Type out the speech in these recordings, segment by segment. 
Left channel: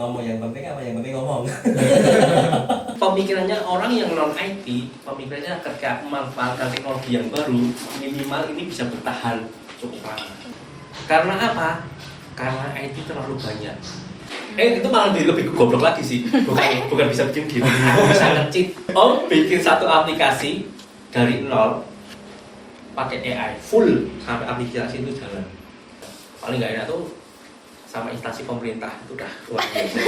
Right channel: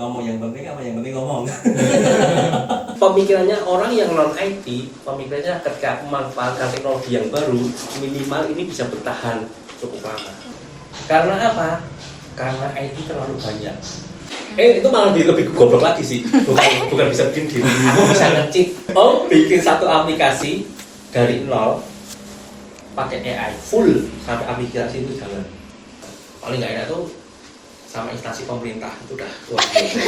ngomong yang penting apa yang penting ngomong. Pemikirannya orang yang non IT, pemikirannya ketika memanfaatkan teknologi yang baru, minimal ini bisa bertahan cukup lama. Karena apa? Karena IT terlalu banyak. Itu malah lebih goblok lagi sih. Bukan bisa bikin gitu. Bisa nge-cheat. Bikin satu aplikasi dari nol pakai AI full sampai aplikasi itu jangan. Paling nggak enak tuh sama instansi pemerintah itu udah luar biasa.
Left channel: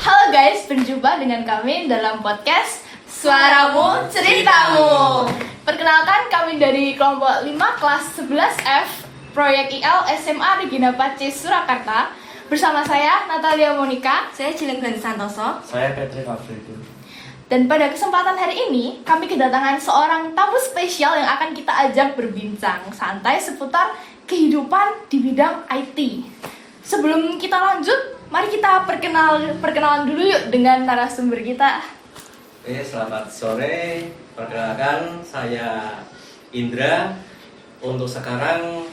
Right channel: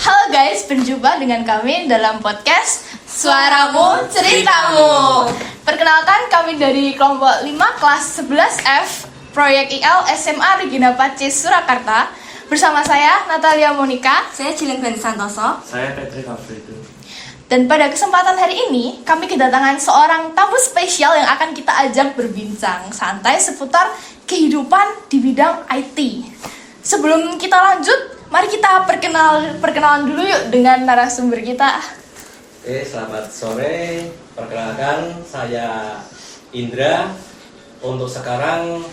Halo guys, berjumpa dengan kami dalam podcast Suaramu Ceritamu. Perkenalkan, kami dari kelompok 5 kelas 11F Proyek IL SMA Regina Pacis Surakarta. Bersama saya Natalia Monica, Saya Julian Glenn Santoso. Saya Patrick Alfredo. dan pada kesempatan hari ini kami kedatangan seorang tamu spesial yang akan kita ajak berbincang santai seputar kehidupan di bidang IT. Sebelum kita lanjut, mari kita perkenalan dulu yuk dengan narasumber kita. Oke, selamat sore. Perkenalkan, saya Indra. Untuk sekarang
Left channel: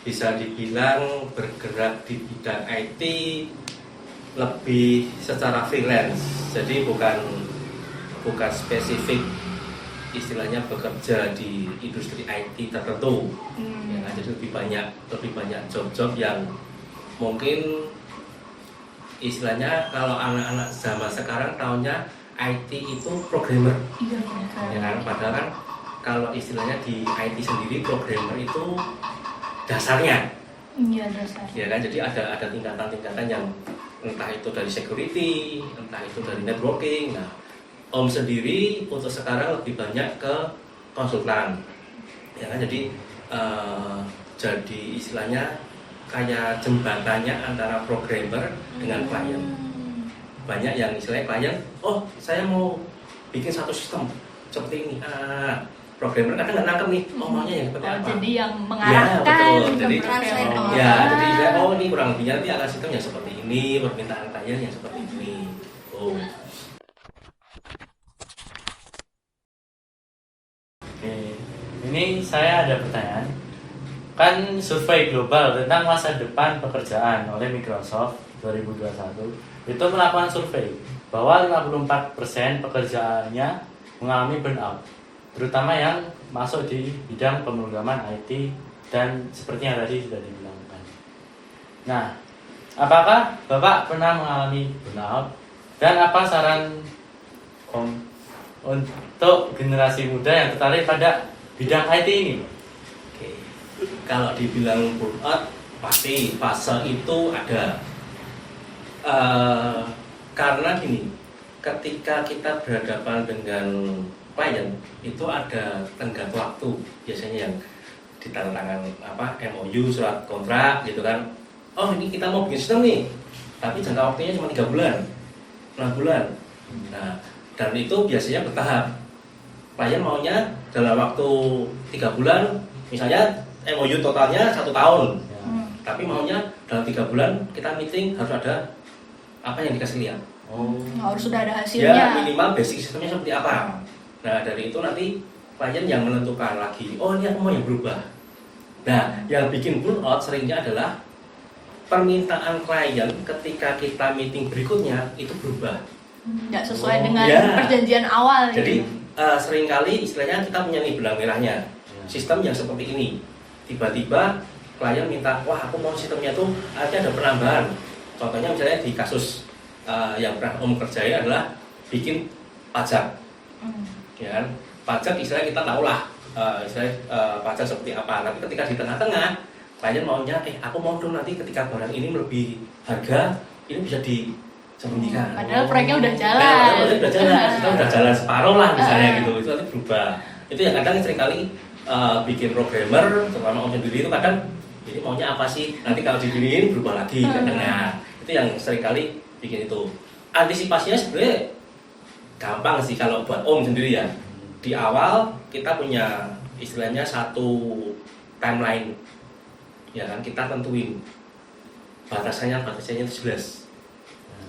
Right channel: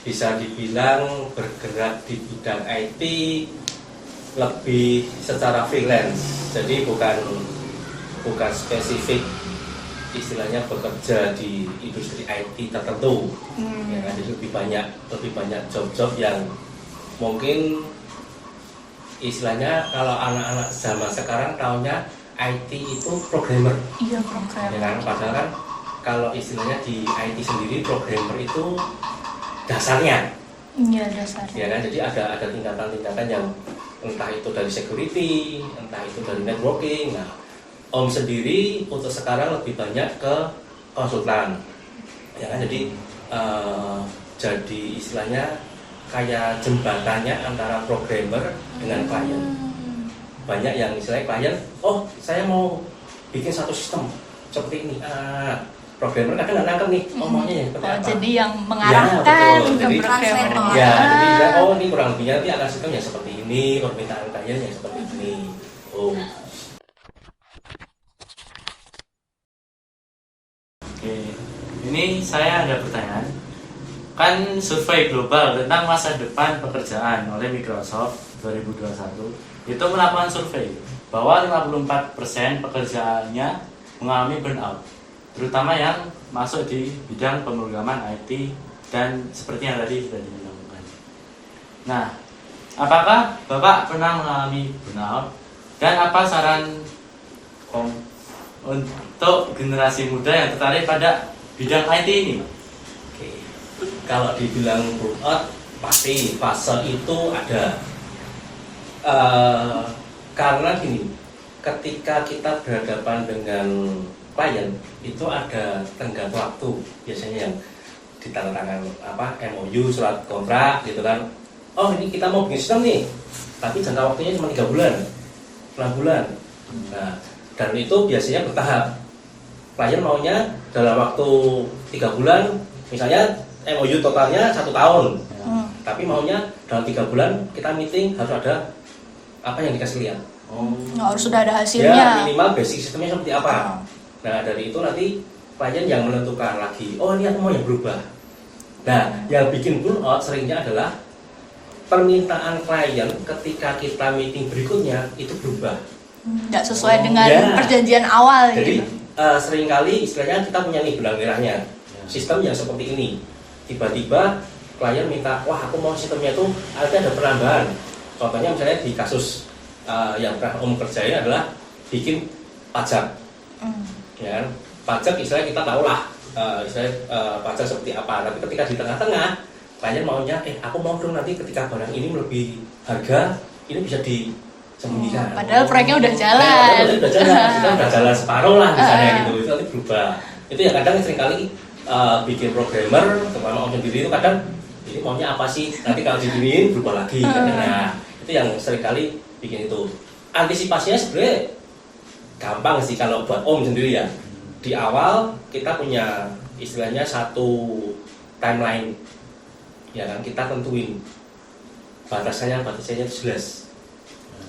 bisa dibilang bergerak di bidang IT lebih secara freelance. Jadi bukan spesifik istilahnya bekerja di industri IT tertentu. Ya, jadi lebih banyak job-job yang mungkin istilahnya kalau anak-anak zaman sekarang tahunya IT itu programmer. Iya, Ya kan, padahal kan kalau istilahnya di IT sendiri programmer itu dasarnya. Iya, dasarnya. Ya kan, jadi ada tingkatan-tingkatan yang entah itu dari security, entah itu dari networking. Nah, Om sendiri untuk sekarang lebih banyak ke konsultan. Ya kan, jadi istilahnya kayak jembatannya antara programmer dengan klien. Banyak yang istilahnya klien, saya mau bikin satu sistem seperti ini. Programmer kan nggak nangkep nih, maunya yang seperti apa. Jadi yang mengarahkan betul. Jadi, programmer. jadi ini kurang lebihnya nanti akan sistem yang seperti ini, permintaan klien yang seperti ini. Oke, ini saya ada pertanyaan. Kan survei global tentang masa depan pekerjaan oleh Microsoft 2021 itu melakukan survei bahwa 54% pekerjaannya mengalami burnout, terutama yang masuk di bidang pemrograman IT dan seperti yang tadi sudah dibilangkan. Nah, apakah Bapak pernah mengalami burnout dan apa saran Om untuk generasi muda yang tertarik pada bidang IT ini? Oke. Kalau dibilang burnout, pasti fase itu ada. Karena gini, ketika kita berhadapan dengan klien itu ada tenggat waktu biasanya yang ditandatangan MOU, surat kontrak gitu kan. Ini kita mau bikin sistem nih, tapi jangka waktunya cuma 3 bulan, 6 bulan. Nah, dan itu biasanya bertahap. Klien maunya dalam waktu 3 bulan, misalnya MOU totalnya 1 tahun, tapi maunya dalam 3 bulan kita meeting harus ada apa yang dikasih lihat. Harus sudah ada hasilnya. Ya, minimal basic sistemnya seperti apa. Nah, dari itu nanti klien yang menentukan lagi, ini aku mau yang berubah. Nah, yang bikin burnout seringnya adalah permintaan klien ketika kita meeting berikutnya itu berubah. Nggak sesuai dengan perjanjian awal. Jadi gitu. Seringkali istilahnya kita punya nih benang merahnya, sistem yang seperti ini. Tiba-tiba klien minta, aku mau sistemnya tuh ada penambahan. Contohnya misalnya di kasus yang pernah Om kerjain adalah bikin pajak. Ya kan? Pajak istilahnya kita tahu lah pajak seperti apa. Tapi ketika di tengah-tengah klien maunya, aku mau dong nanti ketika barang ini melebihi harga, ini bisa disembunyikan. Padahal proyeknya udah jalan. Kita udah jalan separuh lah misalnya gitu. Itu nanti berubah. Itu yang kadang seringkali bikin programmer, terutama Om sendiri itu kadang ini maunya apa sih? Nanti kalau diginiin berubah lagi. Nah, itu yang seringkali bikin itu. Antisipasinya sebenarnya gampang sih kalau buat Om sendiri ya. Di awal kita punya istilahnya satu timeline, ya kan, kita tentuin batasannya itu jelas.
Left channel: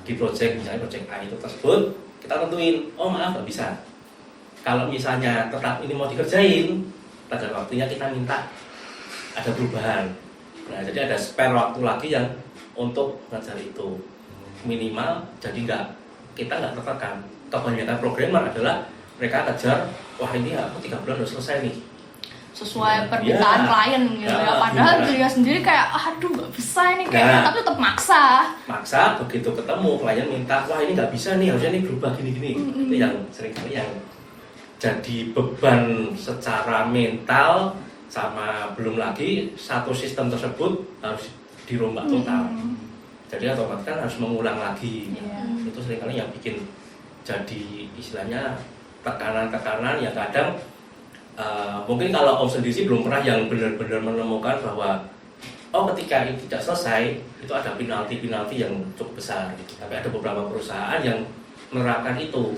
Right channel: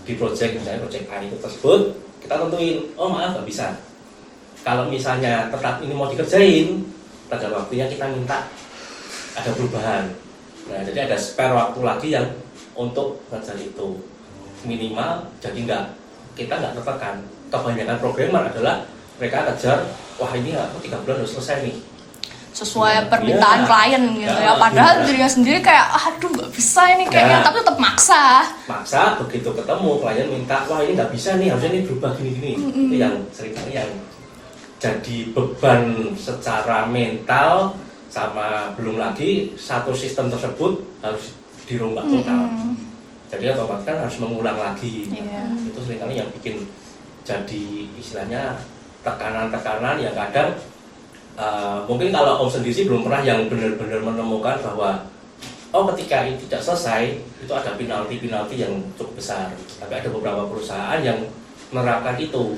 Di project misalnya project A itu tersebut kita tentuin, maaf nggak bisa. Kalau misalnya tetap ini mau dikerjain, pada waktunya kita minta ada perubahan. Nah, jadi ada spare waktu lagi yang untuk ngejar itu minimal, jadi kita nggak tertekan. Kebanyakan programmer adalah mereka kejar, wah ini aku 3 bulan harus selesai nih. Sesuai permintaan Iya. klien gitu ya. Ya, Padahal iya. dirinya sendiri kayak aduh nggak bisa ini kayaknya, Nah. tapi tetap maksa. Maksa begitu ketemu klien minta, wah ini nggak bisa nih, harusnya ini berubah gini-gini. Itu yang seringkali yang jadi beban secara mental, sama belum lagi satu sistem tersebut harus dirombak total. Jadi otomatis kan harus mengulang lagi. Iya. Itu seringkali yang bikin jadi istilahnya tekanan-tekanan yang kadang mungkin kalau Om sendiri sih belum pernah yang benar-benar menemukan bahwa ketika ini tidak selesai itu ada penalti yang cukup besar. Tapi ada beberapa perusahaan yang menerapkan itu.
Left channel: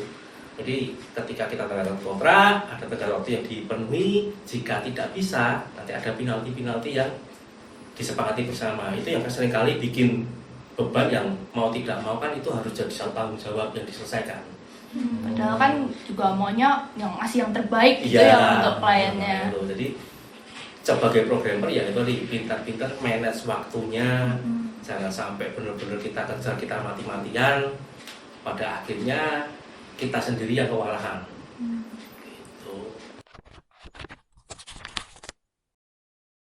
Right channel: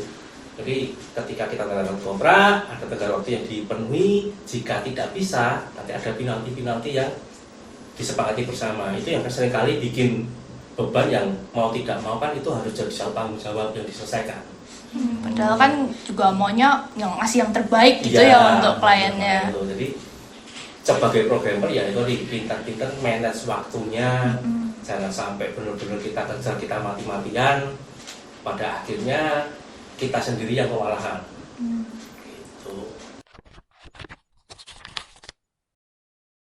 Jadi ketika kita tanda kontrak, ada tenggat waktu yang dipenuhi. Jika tidak bisa, nanti ada penalti yang disepakati bersama. Itu yang seringkali bikin beban yang mau tidak mau kan itu harus jadi tanggung jawab yang diselesaikan. Padahal kan juga maunya yang ngasih yang terbaik gitu Iya, ya untuk kliennya. gitu. Jadi sebagai programmer ya itu pintar-pintar manage waktunya. Jangan sampai benar-benar kita kejar, kita mati-matian. Pada akhirnya kita sendiri yang kewalahan. Gitu.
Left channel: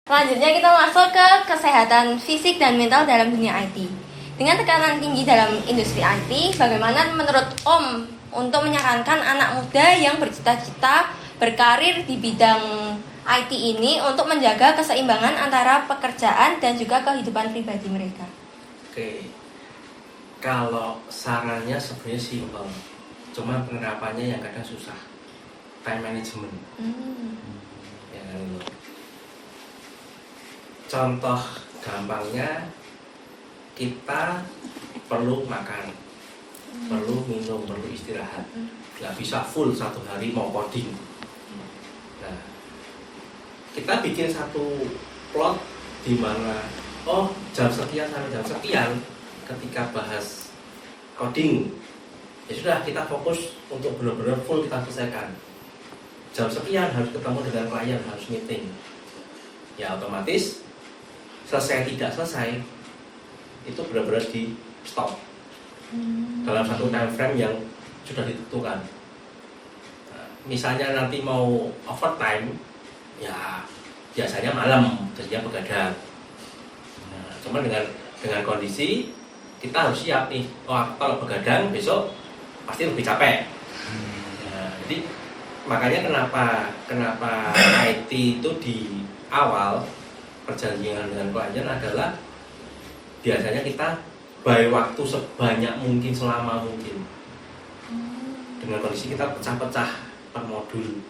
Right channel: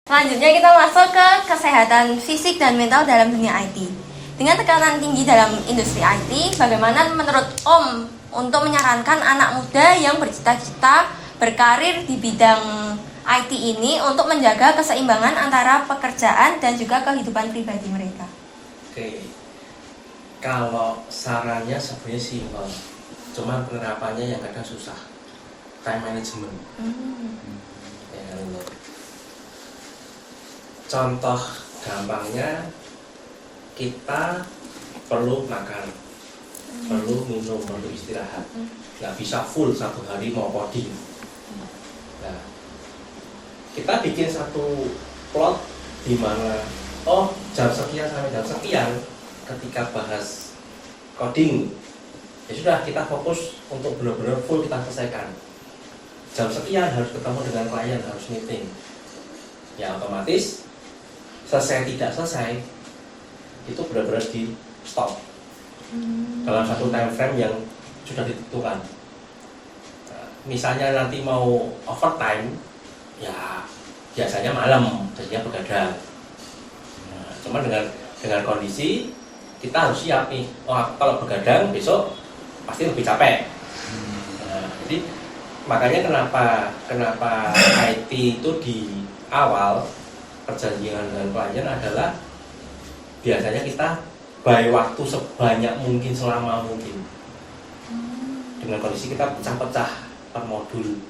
Selanjutnya kita masuk ke kesehatan fisik dan mental dalam dunia IT. Dengan tekanan tinggi dalam industri IT, bagaimana menurut Om untuk menyarankan anak muda yang bercita-cita berkarir di bidang IT ini untuk menjaga keseimbangan antara pekerjaan dan juga kehidupan pribadi mereka? Oke, kalau sarannya sebenarnya simpel, cuma penerapannya yang kadang susah. Time management. Ya kan itu. Contoh gampangnya, kita perlu makan, perlu minum, perlu istirahat. Nggak bisa full 1 hari mau coding. Nah, kita bikin satu plot di mana jam sekian sampai jam sekian ketika bahas coding, ya sudah kita fokus untuk benar-benar full kita selesaikan. Jam sekian harus ketemu dengan klien, harus meeting. Ya otomatis selesai tidak selesai itu benar-benar di stop dalam satu time frame yang sudah ditentukan. Nah, misalnya nanti mau overtime, ya biasanya malam, jadinya begadang. Nah, cuman dengan kondisi kita harus siap nih. Kalau begadang besok pasti lebih capek. Nah, jadi makanya kenapa IT itu di awal perjanjian dengan klien adalah biasanya kita buy waktu sebanyak mungkin, selama mungkin. Dengan kondisi kita pecah-pecah per modul.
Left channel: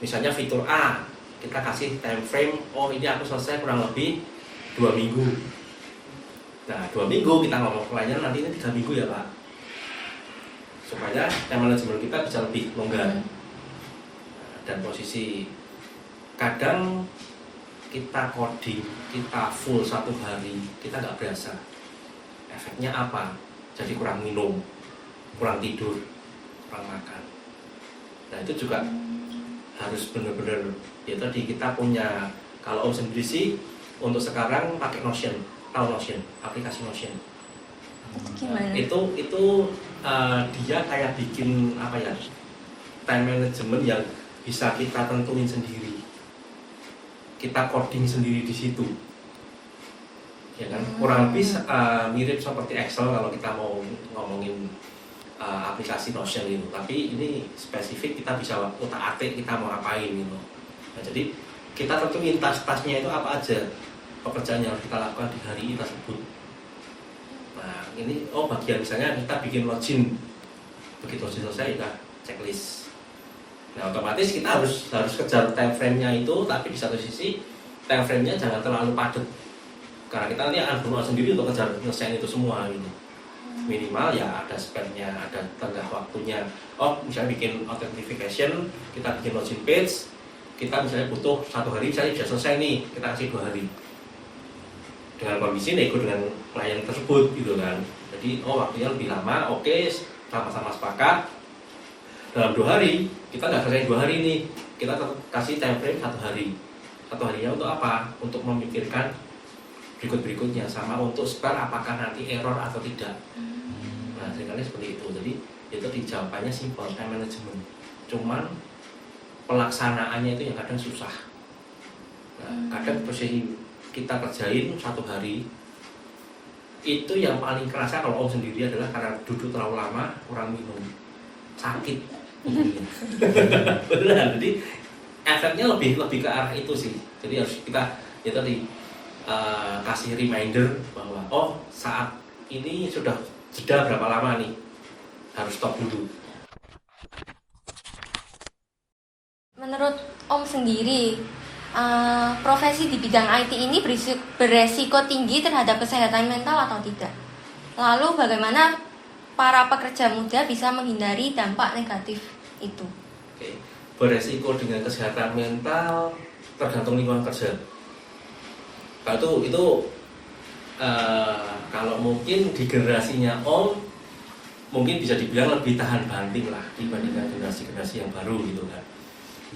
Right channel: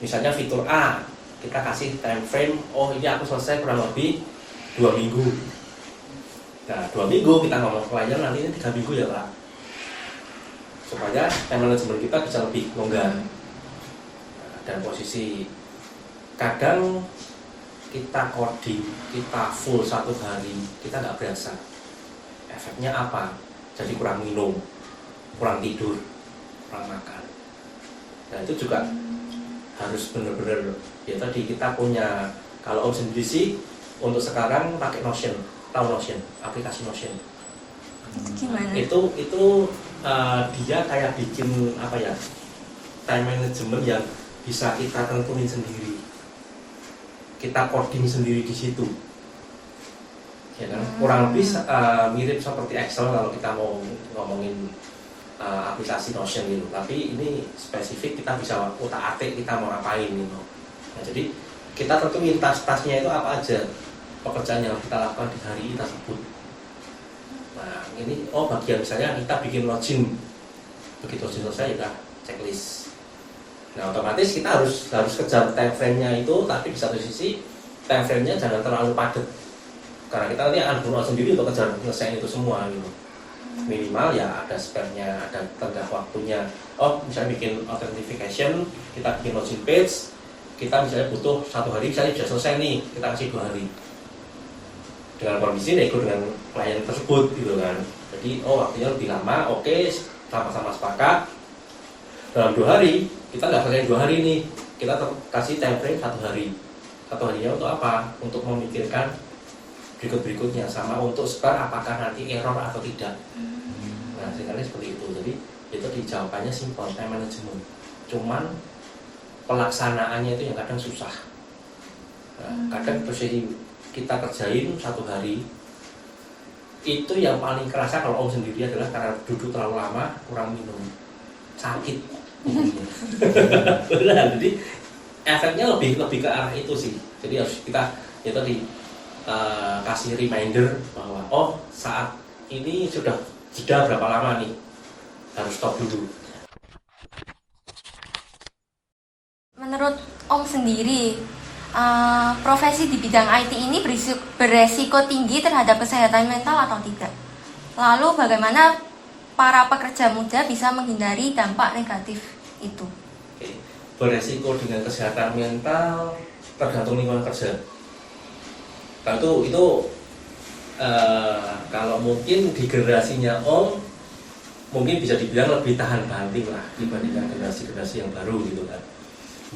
Misalnya fitur A, kita kasih time frame, ini aku selesai kurang lebih 2 minggu. Nah, 2 minggu kita ngomong ke klien, nanti ini 3 minggu ya Pak, supaya time management kita bisa lebih longgar. Dan posisi kadang kita coding, kita full 1 hari, kita nggak berasa. Efeknya apa? Jadi kurang minum, kurang tidur, kurang makan. Nah itu juga harus benar-benar, ya tadi kita punya, kalau Om sendiri sih untuk sekarang pakai Notion, tahu Notion, aplikasi Notion. Gimana? Itu dia kayak bikin apa ya, time management yang bisa kita tentuin sendiri, kita coding sendiri di situ, ya kan? Kurang lebih mirip seperti Excel kalau kita mau ngomongin aplikasi Notion gitu. Tapi ini spesifik, kita bisa utak-atik kita mau ngapain gitu. Nah, jadi kita tentuin tas-tasnya itu apa aja, pekerjaan yang kita lakukan di hari ini tersebut. Nah ini bagian misalnya kita bikin login, begitu login selesai udah checklist. Nah otomatis kita harus kejar time frame-nya itu, tapi di satu sisi time frame-nya jangan terlalu padat, karena kita nanti akan burnout sendiri untuk kejar nyelesain itu semua gitu. Minimal ya ada spare-nya, ada tenggat waktunya. Misalnya bikin authentication, kita bikin login page, kita misalnya butuh 1 hari, misalnya bisa selesai nih, kita kasih 2 hari. Dengan kondisi nego dengan klien tersebut gitu kan. Jadi waktunya lebih lama, oke, sama-sama sepakat. Dalam 2 hari, kita nggak selesai 2 hari nih, kita kasih time frame 1 hari. 1 harinya untuk apa? Untuk memikirkan berikut-berikutnya, sama untuk sebar apakah nanti error atau tidak. Nah, seringkali seperti itu. Jadi itu dijawabannya simpel, time management. Cuman pelaksanaannya itu yang kadang susah. Nah, kadang posisi kita kerjain 1 hari itu yang paling kerasa kalau Om sendiri adalah karena duduk terlalu lama, kurang minum, sakit. Benar. Jadi efeknya lebih ke arah itu sih. Jadi harus kita ya tadi kasih reminder bahwa oh saat ini sudah jeda berapa lama nih, harus stop dulu. Menurut Om sendiri, profesi di bidang IT ini beresiko tinggi terhadap kesehatan mental atau tidak? Lalu bagaimana para pekerja muda bisa menghindari dampak negatif itu? Oke. Beresiko dengan kesehatan mental tergantung lingkungan kerja. Kalau itu kalau mungkin di generasinya Om mungkin bisa dibilang lebih tahan banting lah dibandingkan generasi-generasi yang baru gitu kan,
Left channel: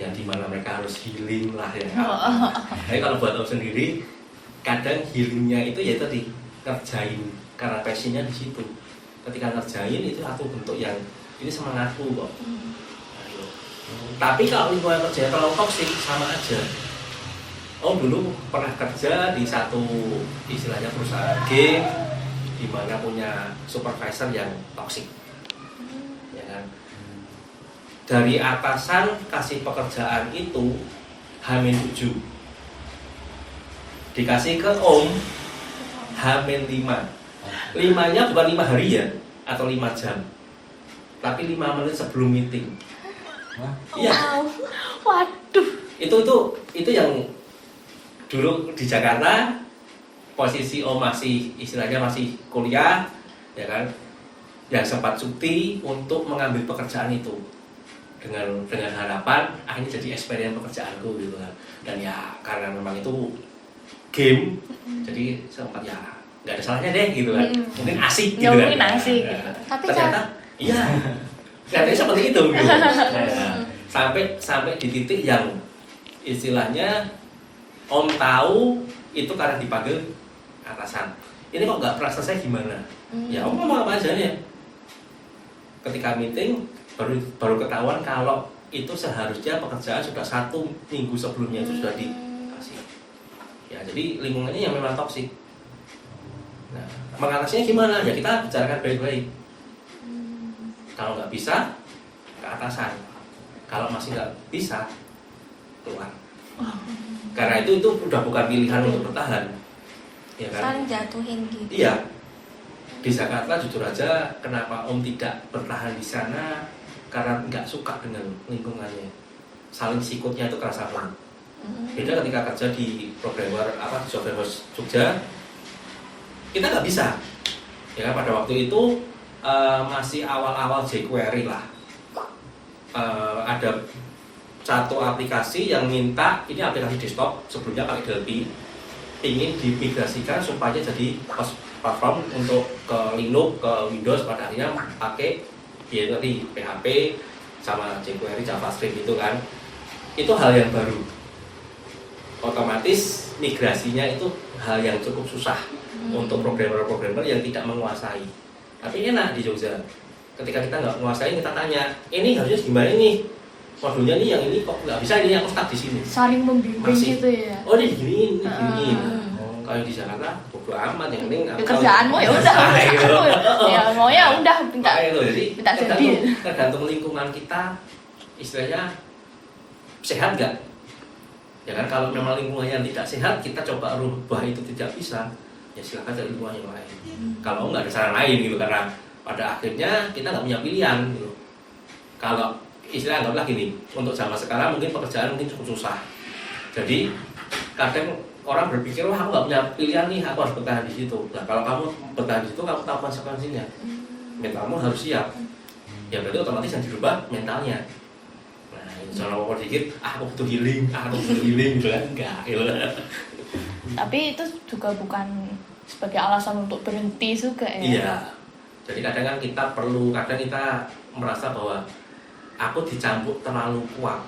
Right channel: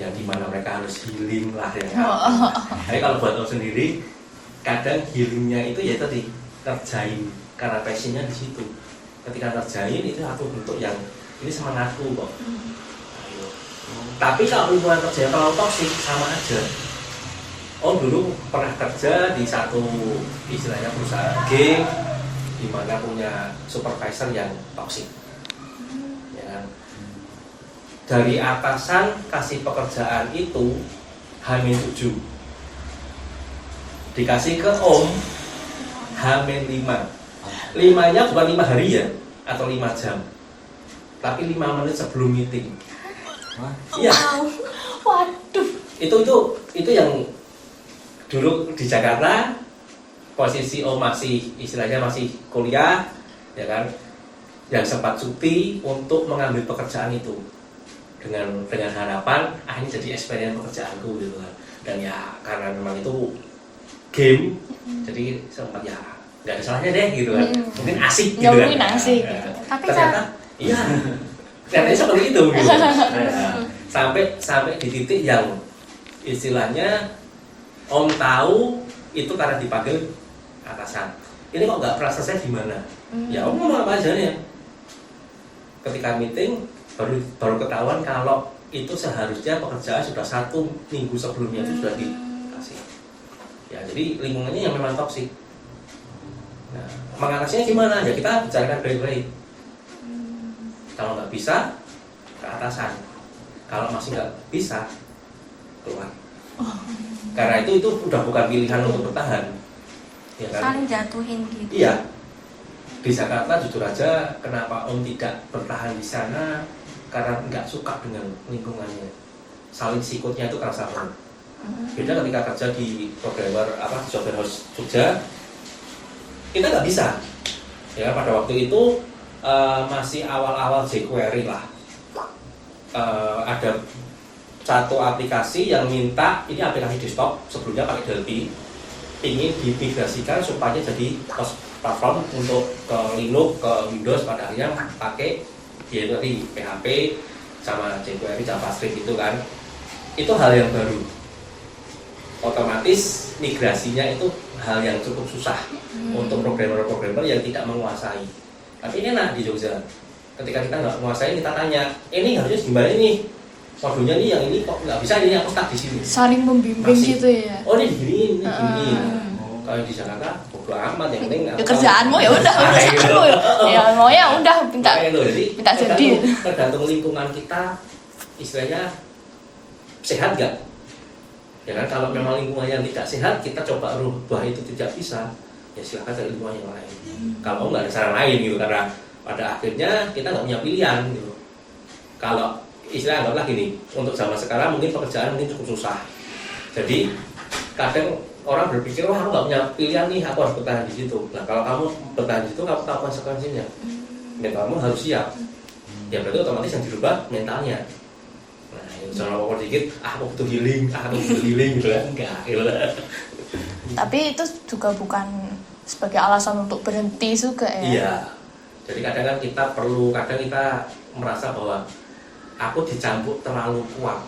yang dimana mereka harus healing lah ya kan. Tapi kalau buat Om sendiri kadang healingnya itu ya tadi kerjain karena passionnya di situ. Ketika kerjain itu satu bentuk yang ini semangatku kok. Nah, gitu. Tapi kalau lingkungan kerja kalau toksik sama aja. Om dulu pernah kerja di satu istilahnya perusahaan gig di mana punya supervisor yang toksik. Ya kan? Dari atasan kasih pekerjaan itu H-7. Dikasih ke Om H-5. 5-nya bukan 5 hari ya atau 5 jam. Tapi 5 menit sebelum meeting. Iya. Waduh. Itu yang dulu di Jakarta posisi Om masih istilahnya masih kuliah ya kan, yang sempat cuti untuk mengambil pekerjaan itu dengan harapan ini jadi experience pekerjaanku gitu kan. Dan ya karena memang itu game jadi sempat ya nggak ada salahnya deh gitu kan, mungkin asik gitu kan. Mungkin asik gitu. Tapi ternyata iya ternyata seperti itu gitu. Nah, sampai di titik yang istilahnya Om tahu itu karena dipanggil atasan. Ini kok nggak pernah selesai gimana? Ya Om mau apa aja nih? Ketika meeting baru ketahuan kalau itu seharusnya pekerjaan sudah 1 minggu sebelumnya itu sudah dikasih. Ya jadi lingkungannya yang memang toksik. Nah, mengatasinya gimana? Ya kita bicarakan baik-baik. Kalau nggak bisa ke atasan. Kalau masih nggak bisa keluar. Karena itu udah bukan pilihan untuk bertahan, ya kan? Saling jatuhin gitu. Iya. Di Jakarta jujur aja, kenapa Om tidak bertahan di sana? Karena nggak suka dengan lingkungannya. Saling sikutnya itu terasa banget. Beda ketika kerja di programmer software house Jogja, kita nggak bisa. Ya pada waktu itu masih awal-awal jQuery lah. Ada satu aplikasi yang minta, ini aplikasi desktop sebelumnya pakai Delphi, ingin dimigrasikan supaya jadi platform untuk ke Linux, ke Windows, pada akhirnya pakai ya tadi PHP sama jQuery, JavaScript itu kan. Itu hal yang baru. Otomatis migrasinya itu hal yang cukup susah untuk programmer-programmer yang tidak menguasai. Tapi enak di Jogja. Ketika kita nggak menguasai, kita tanya, ini harusnya gimana nih? Modulnya nih yang ini kok nggak bisa, ini aku stuck di sini. Saling membimbing Masih. gitu ya. Oh ini gini. Kalau di Jakarta bodo amat, yang penting Ya kerjaanmu ya udah, kerjaanmu ya maunya udah minta jadi. Tergantung lingkungan kita, istilahnya sehat nggak? Ya kan kalau memang lingkungannya tidak sehat, kita coba rubah itu tidak bisa, ya silakan cari lingkungan yang lain. Kalau nggak ada cara lain gitu, karena pada akhirnya kita nggak punya pilihan gitu. Kalau istilah anggaplah gini, untuk zaman sekarang mungkin pekerjaan mungkin cukup susah. Jadi kadang orang berpikir, wah aku nggak punya pilihan nih, aku harus bertahan di situ. Nah kalau kamu bertahan di situ, kamu tahu konsekuensinya. Ya kamu harus siap. Ya berarti otomatis yang dirubah mentalnya. Nah itu jangan ngomong dikit, aku butuh healing gitu kan, enggak gitu. Tapi itu juga bukan sebagai alasan untuk berhenti juga ya. Iya. Jadi kadang kan kita perlu, kadang kita merasa bahwa aku dicampur terlalu kuat.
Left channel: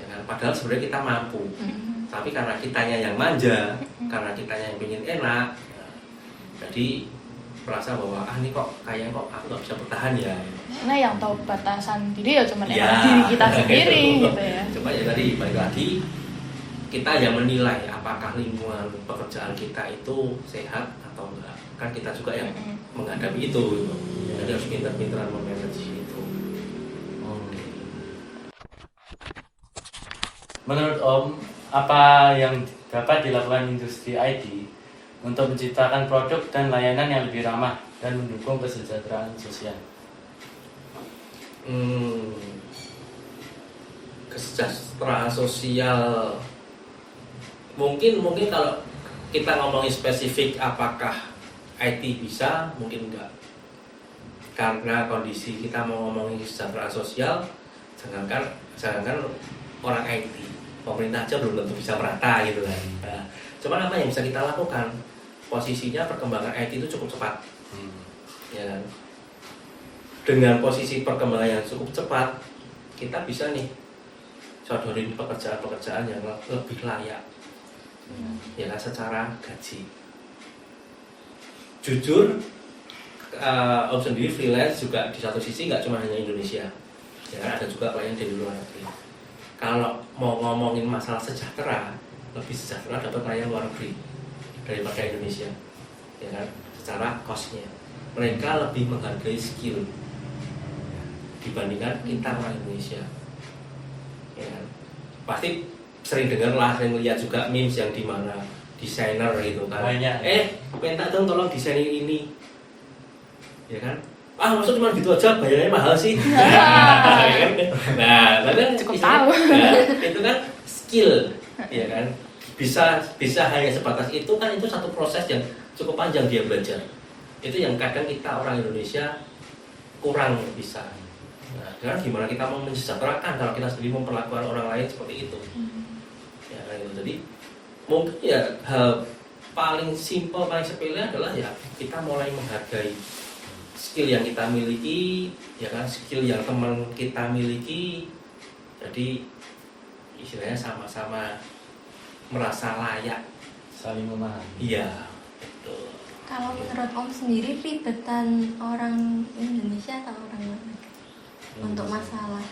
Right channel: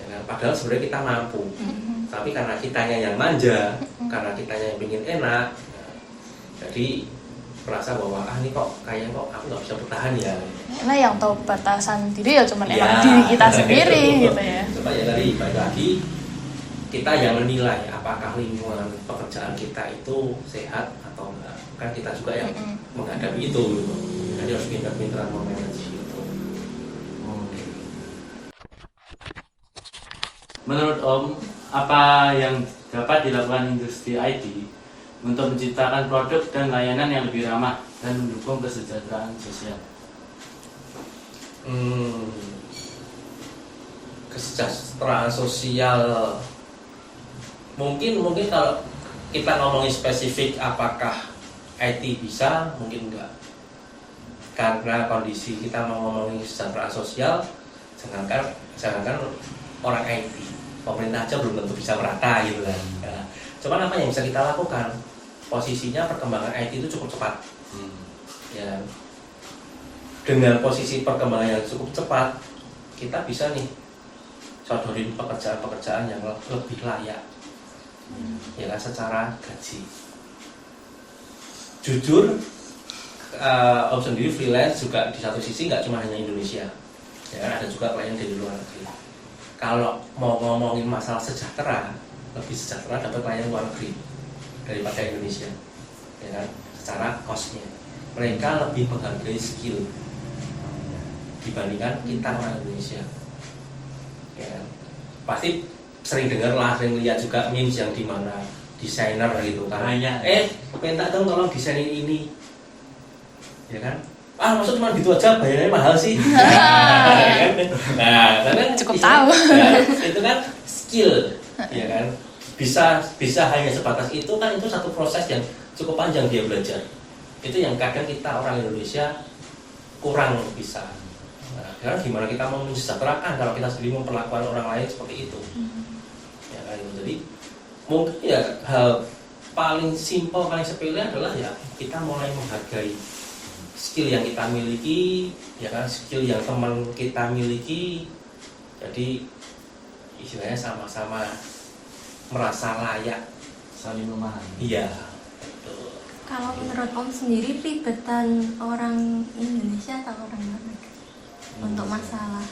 Ya kan? Padahal sebenarnya kita mampu. Tapi karena kitanya yang manja, karena kitanya yang ingin enak, jadi merasa bahwa ini kok kayaknya kok aku nggak bisa bertahan ya. Nah yang tahu batasan diri ya cuman Ya, emang diri kita sendiri gitu ya. Coba ya tadi balik lagi, kita yang menilai apakah lingkungan pekerjaan kita itu sehat atau enggak. Kan kita juga yang menghadapi itu gitu. Jadi harus pintar-pintaran memanage itu. Menurut Om, apa yang dapat dilakukan industri IT untuk menciptakan produk dan layanan yang lebih ramah dan mendukung kesejahteraan sosial? Kesejahteraan sosial mungkin kalau kita ngomongin spesifik apakah IT bisa, mungkin enggak. Karena kondisi kita mau ngomongin kesejahteraan sosial, jangankan orang IT, pemerintah aja belum tentu bisa merata gitu kan. Nah, cuman apa yang bisa kita lakukan? Posisinya perkembangan IT itu cukup cepat, ya kan? Dengan posisi perkembangan yang cukup cepat, kita bisa nih sodorin pekerjaan-pekerjaan yang lebih layak, ya kan, secara gaji. Jujur, Om sendiri freelance juga di satu sisi nggak cuma hanya Indonesia, ya kan, ada juga klien dari luar negeri. Kalau mau ngomongin masalah sejahtera, lebih sejahtera dapat klien luar negeri daripada Indonesia, ya kan, secara cost-nya. Mereka lebih menghargai skill dibandingkan kita orang Indonesia, ya kan. Pasti sering dengar lah, sering lihat juga memes yang dimana desainer gitu kan, minta dong tolong desainin ini, ya kan. Maksud cuma gitu aja, bayarnya mahal sih. Nah, karena Cukup tahu. Ya, itu kan skill, ya kan. Bisa hanya sebatas itu kan, itu satu proses yang cukup panjang dia belajar. Itu yang kadang kita orang Indonesia kurang bisa. Nah, karena gimana kita mau mensejahterakan kalau kita sendiri memperlakukan orang lain seperti itu. Ya kan, jadi mungkin ya hal paling simpel, paling sepele adalah ya kita mulai menghargai skill yang kita miliki, ya kan, skill yang teman kita miliki. Jadi istilahnya sama-sama merasa layak, Saling memahami. iya, betul. Kalau menurut Om sendiri ribetan orang Indonesia atau orang mana untuk masalah?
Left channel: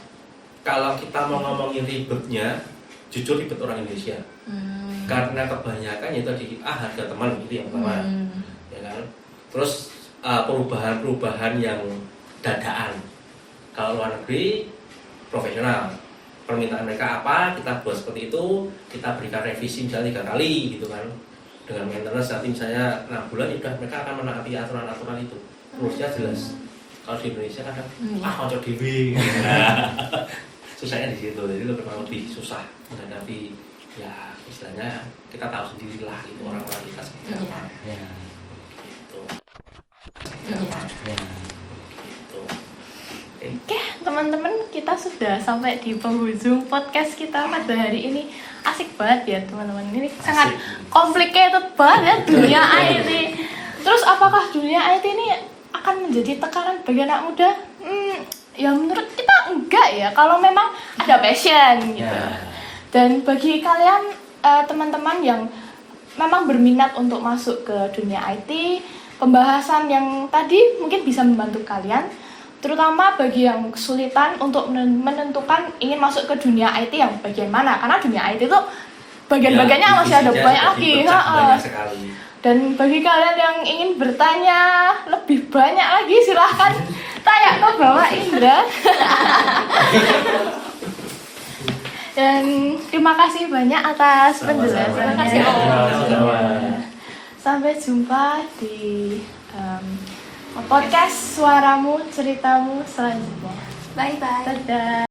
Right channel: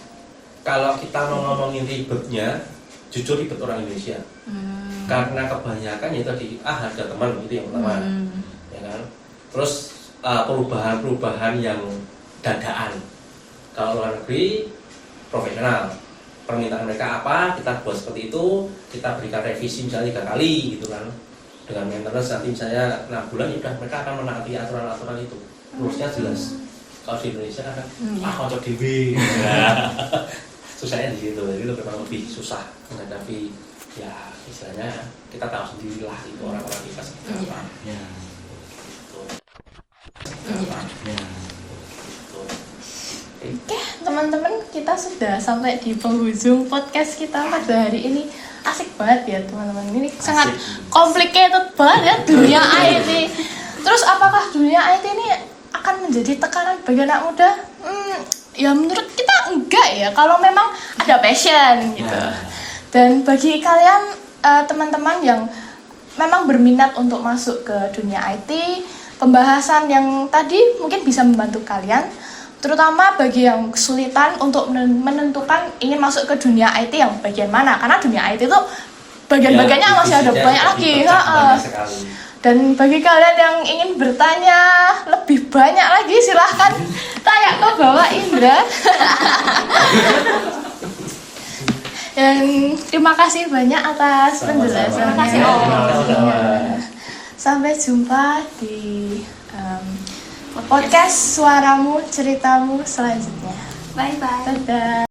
Kalau kita mau ngomongin ribetnya, jujur ribet orang Indonesia. Karena kebanyakan ya tadi harga teman itu yang pertama, ya kan. Terus perubahan-perubahan yang dadaan. Kalau luar negeri profesional, permintaan mereka apa, kita buat seperti itu, kita berikan revisi misalnya 3 kali gitu kan, dengan maintenance nanti misalnya 6 bulan, ya udah mereka akan menaati aturan-aturan itu, terusnya jelas. Kalau di Indonesia kadang kocok dewi, susahnya di situ, jadi itu memang lebih susah menghadapi, ya istilahnya kita tahu sendirilah itu orang-orang kita seperti apa. Ya. Gitu. Oke, teman-teman, kita sudah sampai di penghujung podcast kita pada hari ini. Asik banget ya, teman-teman. Ini sangat complicated banget ya dunia IT. Terus apakah dunia IT ini akan menjadi tekanan bagi anak muda? Ya menurut kita enggak ya, kalau memang ada passion gitu. Dan bagi kalian teman-teman yang memang berminat untuk masuk ke dunia IT, pembahasan yang tadi mungkin bisa membantu kalian, terutama bagi yang kesulitan untuk menentukan ingin masuk ke dunia IT yang bagian mana, karena dunia IT itu bagian-bagiannya masih ada banyak lagi. Dan bagi kalian yang ingin bertanya lebih banyak lagi, silahkan tanya ke Bapak Indra. Dan terima kasih banyak atas penjelasannya. Terima kasih, Om. Sampai jumpa di podcast Suaramu Ceritamu selanjutnya. Bye bye. Dadah.